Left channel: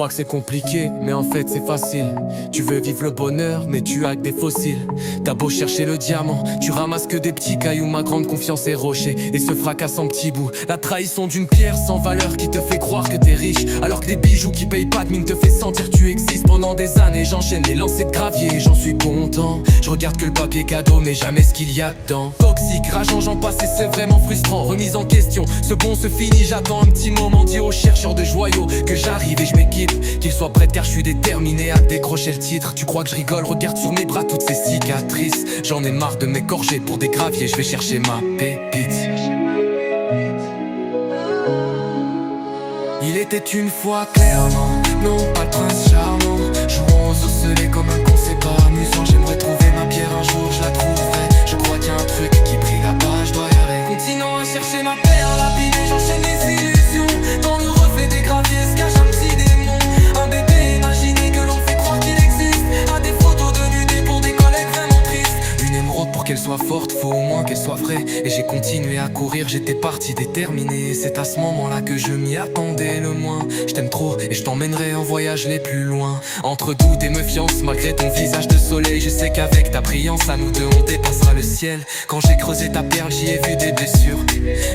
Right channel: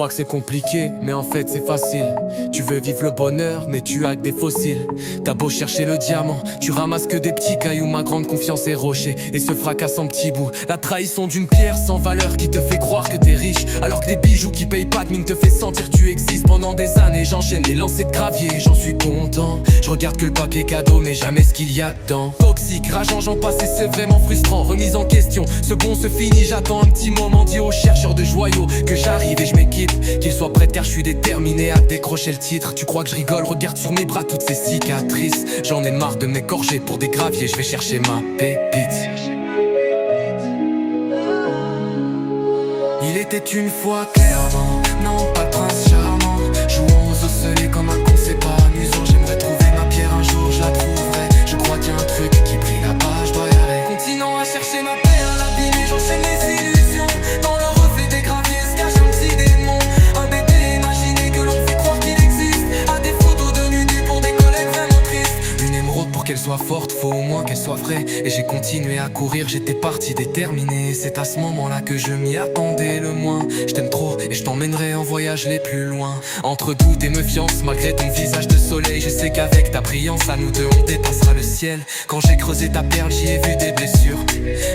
crois que c'est compliqué, mais en fait c'est facile. Tu veux vivre le bonheur, mais tu as que des fossiles. T'as beau chercher le diamant, tu ramasses que des petits cailloux. Ma grande confiance est rocher et se fracasse en petits bouts. La trahison d'une pierre sans valeur qui te fait croire que t'es riche, alors que des bijoux qui payent pas de mine te fait sentir que tu existes. Pendant des années j'enchaîne les lancers de gravier, j'en suis content. Je regarde que le papier cadeau, mais jamais ce qu'il y a dedans. Toxique, rageant, j'en passe et c'est vraiment frustrant. Remise en question, ce bon se finit, j'attends un petit moment. Dis aux chercheurs de joyaux que j'arrive et je m'équipe, qu'ils soient prêts car je suis déterminé à décrocher le titre. Tu crois que je rigole, regarde sur mes bras toutes ces cicatrices. J'en ai marre de m'écorcher pour des graviers, je vais chercher ma pépite. Il était une fois clairement, non pas le prince charmant, jouant aux osselets comme un con, c'est pas amusant. J'aimerais trouver ma pierre un jour, je la trouverai. Je crois qu'il y a un truc qui brille là-bas, je dois y aller. Continuant à chercher ma perle abîmée, j'enchaîne les illusions. Dans le reflet des graviers se cache un petit démon, un bébé imaginé que l'on fait croire qu'il existe. À des photos de nudité pour des collègues vraiment tristes. Une émeraude pour qu'elle soit forte, faut au moins qu'elle soit vraie. Et j'ai continué à courir, j'étais parti déterminé. C'est à ce moment-là que je m'y attendais le moins. Je t'aime trop et je t'emmènerai en voyage les plus loin. Entre doute et méfiance, malgré ton visage de soleil, je sais qu'avec ta brillance, à nous deux on dépassera le ciel. Quand j'ai creusé ta perle, j'y ai vu des blessures.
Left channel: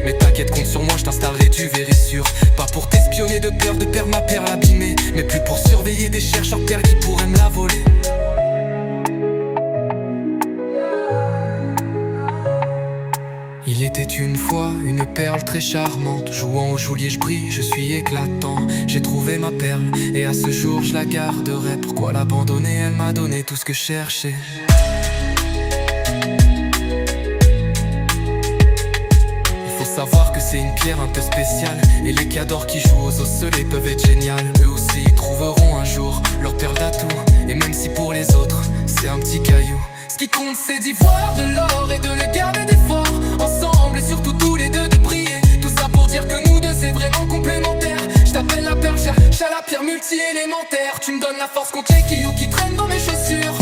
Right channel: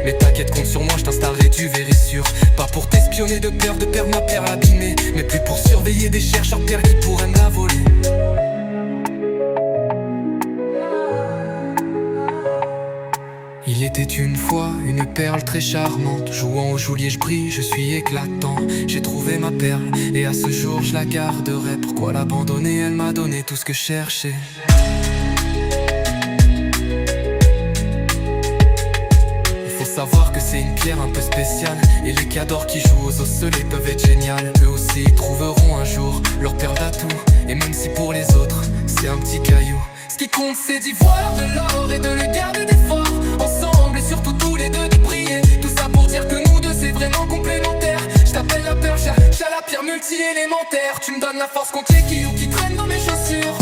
Mais t'inquiète, compte sur moi, je t'installerai du vérissure. Pas pour t'espionner de peur de perdre ma perle abîmée, mais plus pour surveiller des chercheurs de perles qui pourraient me la voler. Il était une fois une perle très charmante, jouant au joulier je brille, je suis éclatant. J'ai trouvé ma perle et à ce jour je la garderai. Pourquoi l'abandonner? Elle m'a donné tout ce que je cherchais. Il faut savoir que c'est une pierre un peu spéciale, et les cadors qui jouent aux osselets peuvent être géniales. Eux aussi ils trouveront un jour leur perle d'atout, et même si pour les autres c'est un petit caillou, ce qui compte c'est d'y voir de l'or et de le garder des forts. Ensemble et surtout tous les deux de briller. Tout ça pour dire que nous deux c'est vraiment complémentaire. Je t'appelle la perle, j'ai la pierre multi-élémentaire. Tu me donnes la force contre les cailloux qui traînent dans mes chaussures,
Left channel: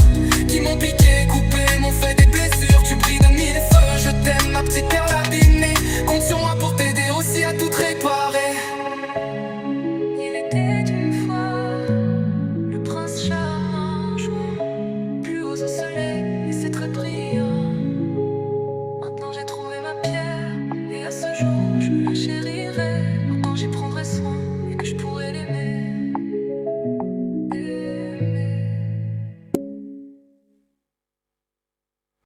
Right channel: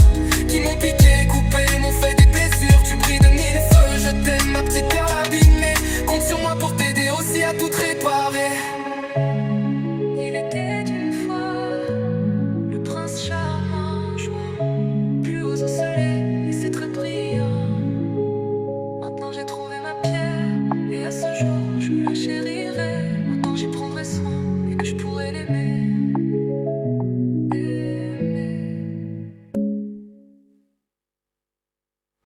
qui m'ont piqué, coupé, m'ont fait des blessures. Tu brilles de mille feux, je t'aime ma petite perle abîmée. Compte sur moi pour t'aider aussi à tout réparer. Il était une fois le prince charmant, jouant plus aux osselets et c'est très brillant. Maintenant j'ai trouvé ma pierre et à ce jour je la chérirai. Maintenant j'y prendrai soin et que je pourrai l'aimer.